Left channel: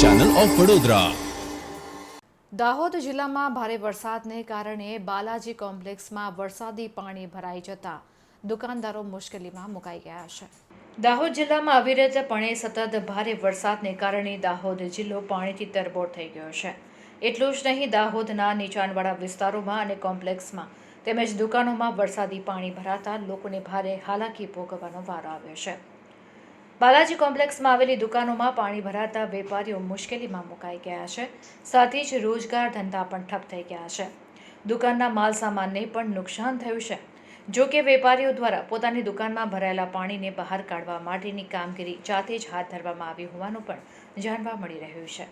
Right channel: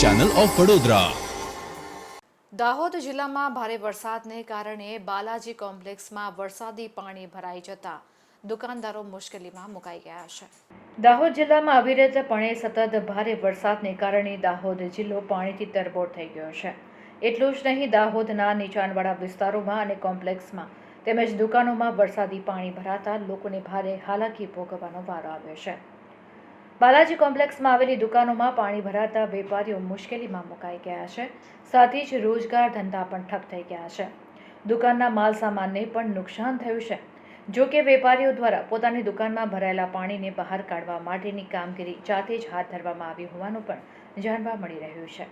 Channel of Vadodara. Dahod જિલ્લામાં ભારે વરસાદને કારણે બાલાજી કોમ્પ્લેક્સમાં વરસાદી પાણી ભરાઈ જતા દુકાનદારો મુશ્કેલીમાં મુકાઈ ગયા છે। દાહોદ જિલ્લામાં અવિરતપણે સતત ભારે વરસાદને કારણે દાહોદ જિલ્લો પાણીથી તરબોળ થઈ ગયો છે। એટલું જ નહીં, દાહોદના નીચાણવાળા વિસ્તારોમાં અને કોમ્પ્લેક્સમાં તેમજ દુકાનોમાં વરસાદી પાણી ભરાતા લોકોને ભારે હાલાકી ભોગવવાનો વારો આવ્યો છે। બાલાજી કોમ્પ્લેક્સમાં આવેલી દુકાનોમાં પાણી ભરાતા વેપારીઓ મુશ્કેલીમાં મુકાઈ ગયા છે। સાથે જ રોજગાર ધંધા પણ ઠપ થઈ ગયા છે। દુકાનના માલ સામાનને પણ નુકસાન થયું છે। જો કે વેપારીઓ દ્વારા પોતાની દુકાનમાં ભરાયેલા પાણીને બહાર કાઢવા માટેની કામગીરી જાતે જ હાથ ધરવામાં આવી હોવાનું પણ જાણવા મળી રહ્યું છે।